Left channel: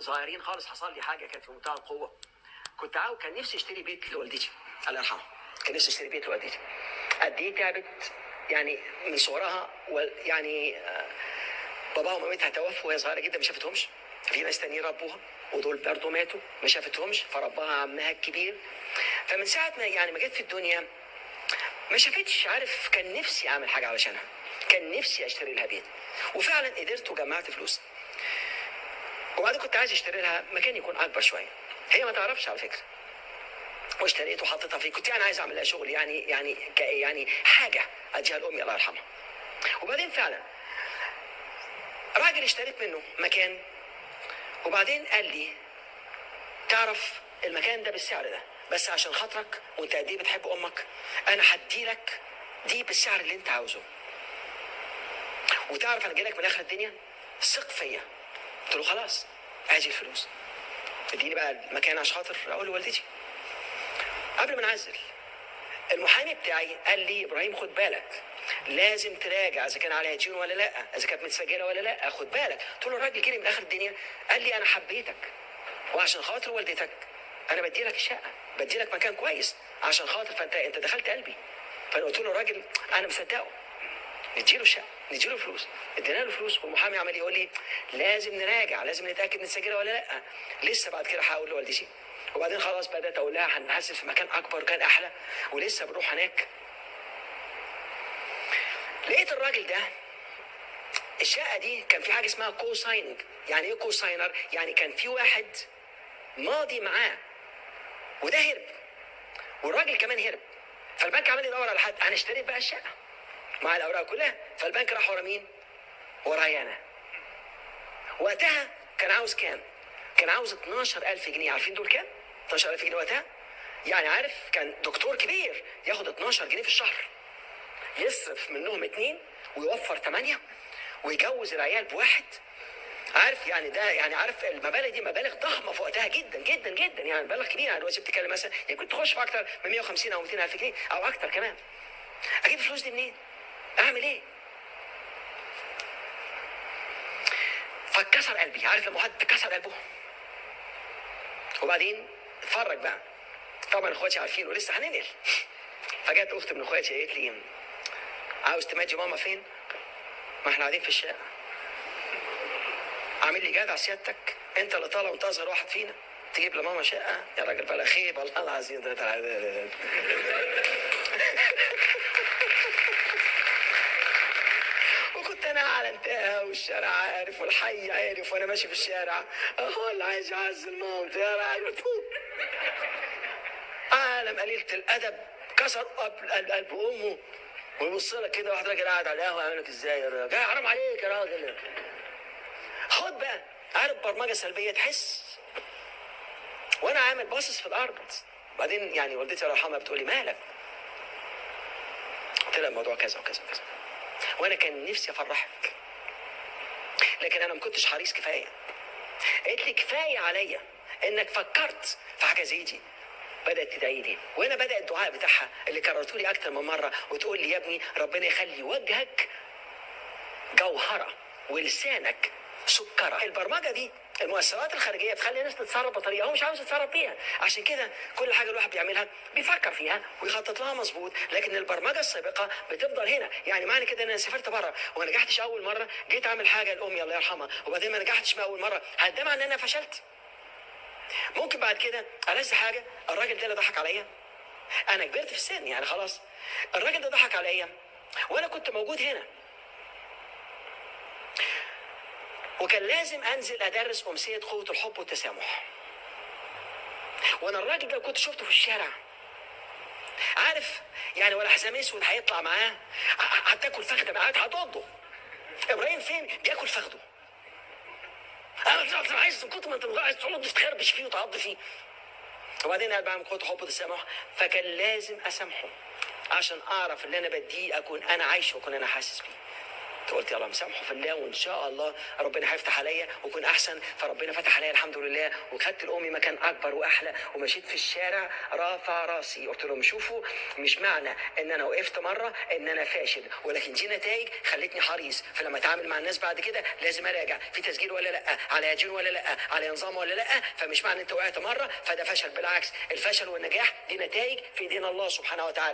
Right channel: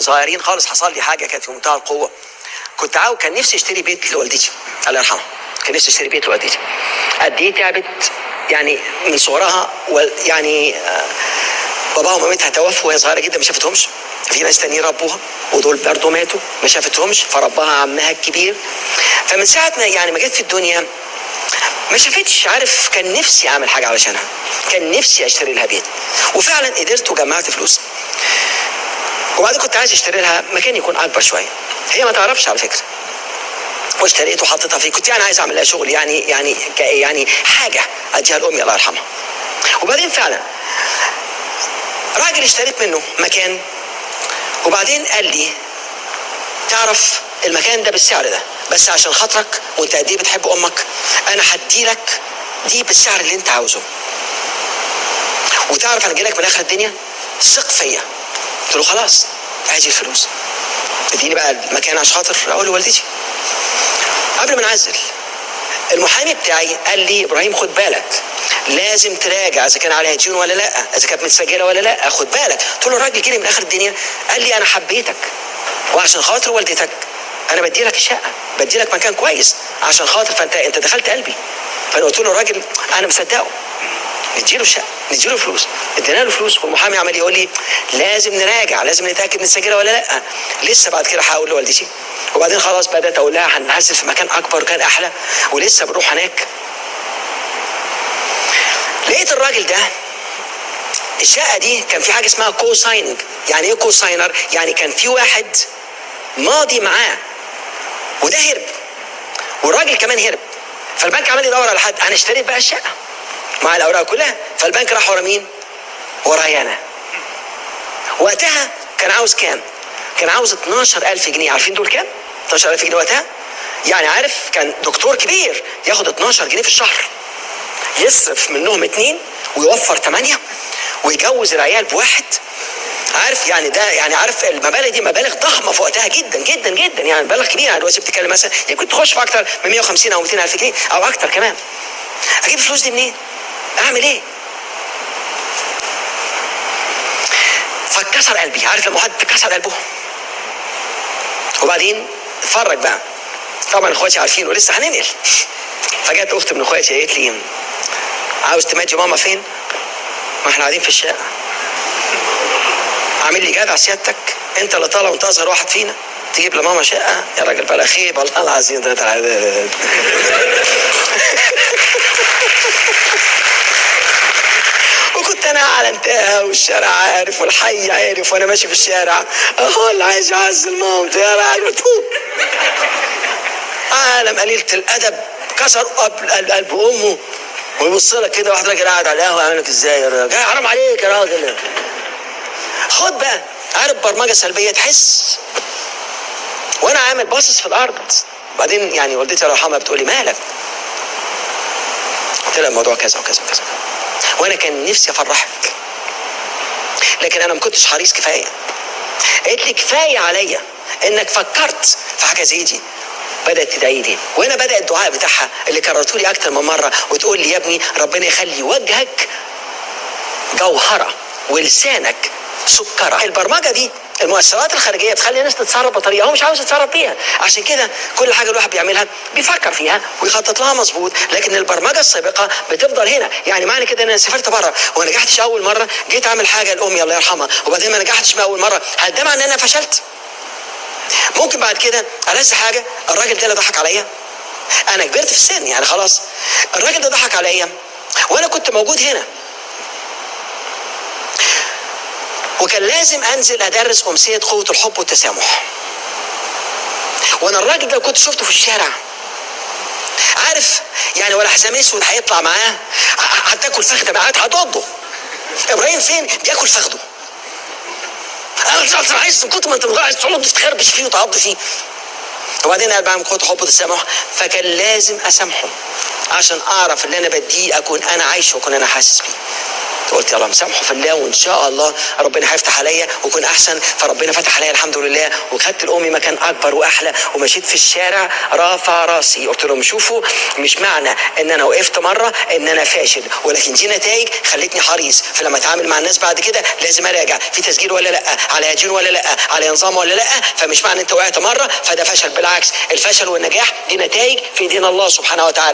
صغيرين خالص حصل لي حاجه كانت في منتهى القوه. كان نفسي اشتري بيت لوالدتي الله يرحمها. كان نفسي اشتري بيت لوالدتي. قد ايه تعبت يعني من صغرها، يعني باباها ومامتها توفوا وهي صغيره جدا ما شافتهمش. في ناس تانيين ربوها ودول برضه ماتوا ما شافتهمش، فرباها عمها الكبير. فمن ساعه ما جت في الدنيا ما شافتش. عارف، كان نفسي اعمل حاجه علشانها، كان نفسي اشتري لها بيت، وفعلا قدرت وجمعت فلوس. وبعدين كنت عايز اشتري لها مكان يكون اكبر شويه، هي ما تعرفش على فكره. واشتريت وحطيتها فيه. كنت عايز اعمل لها شغل يعني حاجه اديها لامي الله يرحمها. وبعدين فعلا راجل اشتريت منه مكان، وبعدين قال لي تعرف المكان ده بالسعر ده، بس عشان خاطرك وانت قد ايه بتحب امك انا هديلك دي بالسعر اللي انت عاوزه، وتعرف انا جايلك من اخر الدنيا، ثق فيا. قلت له خلاص ادي الفلوس، اديني بقى المكان عشان خاطر اقول لوالدتي. قبل ما نعزل المحامي بتاعي قال لي ابراهيم خد بالك، لازم تراجع اذا كان عليها ديون ولا لا، اذا كانت متسجله ولا لا، خد بالك. قلت له الراجل جري من اخر الدنيا قال لي انا حبيتك وعشان خاطر والدتك انا بدي لك الشقه، بدي لك مكان كويس عشان خاطر، فانت دخلت قلبي. فانا قلت له الراجل انا مصدقه، نديله الشقه نديله فلوس. ادينا له فلوس، والمحامي عمال يقول لي لازم نراجع، لازم نتاكد متسجله ولا لا. لسه بعد كده هقول لوالدتي. وبعدين خلاص بدات اقول لها هنحاسب في مكان اكبر وكان احلى، ولسه بنروح هناك. لقيت الراجل ده الشقه دي كان في حاجه اسمها كو سايننج. يعني ايه كو ساينر؟ يعني كان في واحد ماضي معاه وده هرب، والراجل كمان هرب. فالبنك عمال يدور على حد. انا اشتريت بقى الشقه مع الاوراق كلها، فالبنك راح ورا مين؟ ورايا انا. وقتها كان عاوز كام؟ كان عاوز 12,000 جنيه. عارفين دول كام؟ 12,000 جنيه وقتها؟ يعني عارف، كان دكتور كبير ياخد 12 جنيه في الشهر، يصرف منهم 2 ويوفر 8 ويجوز العيال بواحد. عارف يعني ده، يعني عارف المبالغ دي مبالغ ضخمه في وقتها جدا جدا جدا، يعني مبالغ كبيره. يعني دلوقتي بتتكلم مثلا يمكن تخش في اكتر من 150 او 200 الف جنيه او اكتر كمان. اجيب الفلوس دي منين؟ اعمل ايه؟ فاتكسر قلبي. عارف لما حد تكسر قلبه؟ وبعدين اتفرج بقى، طبعا اخواتي عارفين ولسه هننقل. فجت اخت من اخواتي قالت لي عاوز تمادي ماما فين؟ ما احنا قاعدين في الشقه. عامل لي جدع سيادتك، انت اللي طالع وانت اصغر واحد فينا تجيب لماما شقه؟ يا راجل بلا خيب والله العظيم ده العداد. وكنت انا اعلنتها والشارع عارف والحي عارف، وانا ماشي في الشارع اهو اللي عايز يعزل مامتي يا راجل. عالم قليلة الادب كسر قلب امه، ويبص لك كده واحد راجل قاعد على القهوه يعمل لك ازاي يا راجل؟ حرام عليك يا راجل. خد بقى، عارف برمجه سلبيه تحس وانا عامل باصص في الارض. بعدين يعني والدتي الله يرحمها بتقول لي مالك؟ قلت لها الموضوع كذا وكذا وكذا، وانا كان نفسي افرحك لكن انا ما كنتش حريص كفايه. قالت لي كفايه عليا انك فكرت في حاجه زي دي. بدات تدعي لي، وهنا بدا الدعاء بتاعها اللي كررته لي اكتر من مره، وتقول لي يا ابني ربنا يخلي وجهك جوهره ولسانك سكره. البرمجه دي المؤثرات الخارجيه تخلي الناس تتصرف بطريقه هو مش عاوز يتصرف بيها. عشان كده كل حاجه الواحد بيعملها بيفكر فيها ويخطط لها مظبوط، لكن البرمجه السابقه بتفضل هنا. يعني معنى كده ان انا سافرت بره وما نجحتش اول مره، جيت اعمل حاجه لامي الله يرحمها وبعدين ما نجحتش من اول مره، هل ده معناه ان انا فشلت؟ ممكن بعد كده ألذ حاجه الراجل ده اللي ضحك عليا. انا كبرت في السن يعني خلاص، الراجل ده ضحك عليا وانا كنت موجود هنا، وكان لازم انزل ادرس امسيه قوه الحب والتسامح. وانا الراجل ده كنت شفته في الشارع، عارف يعني، ولا حزام اسود هيطلع معاه هتاكل فخده معاه هتقضه. ابراهيم فين؟ بياكل فخده. انا عايز من كتر ما انت عايز تقعد تخربش فيه وتعض فيه. وبعدين قال بعمل قوه الحب والتسامح، فكان لازم اسامحه عشان اعرف اللي انا بديه اكون انا عايشه واكون انا حاسس بيه. قلت يلا مسامحه في الله وان شاء الله ربنا هيفتح عليا ويكون احسن. فربنا فتح عليا الحمد لله، وخدت لامي مكان اكبر واحلى، ومشيت في الشارع رافع راسي. قلت لهم شوفوا، مش معنى ان انا وقفت مره ان انا فاشل، ولكن دي نتائج خلتني حريص. فلما اتعامل مع الناس بعد كده لازم اراجع في تسجيل ولا لا، على دين ولا لا، على نظام ولا لا. فمش معنى انت وقعت مره فده فشل، بالعكس الفشل والنجاح دي نتائج في دين الله سبحانه وتعالى.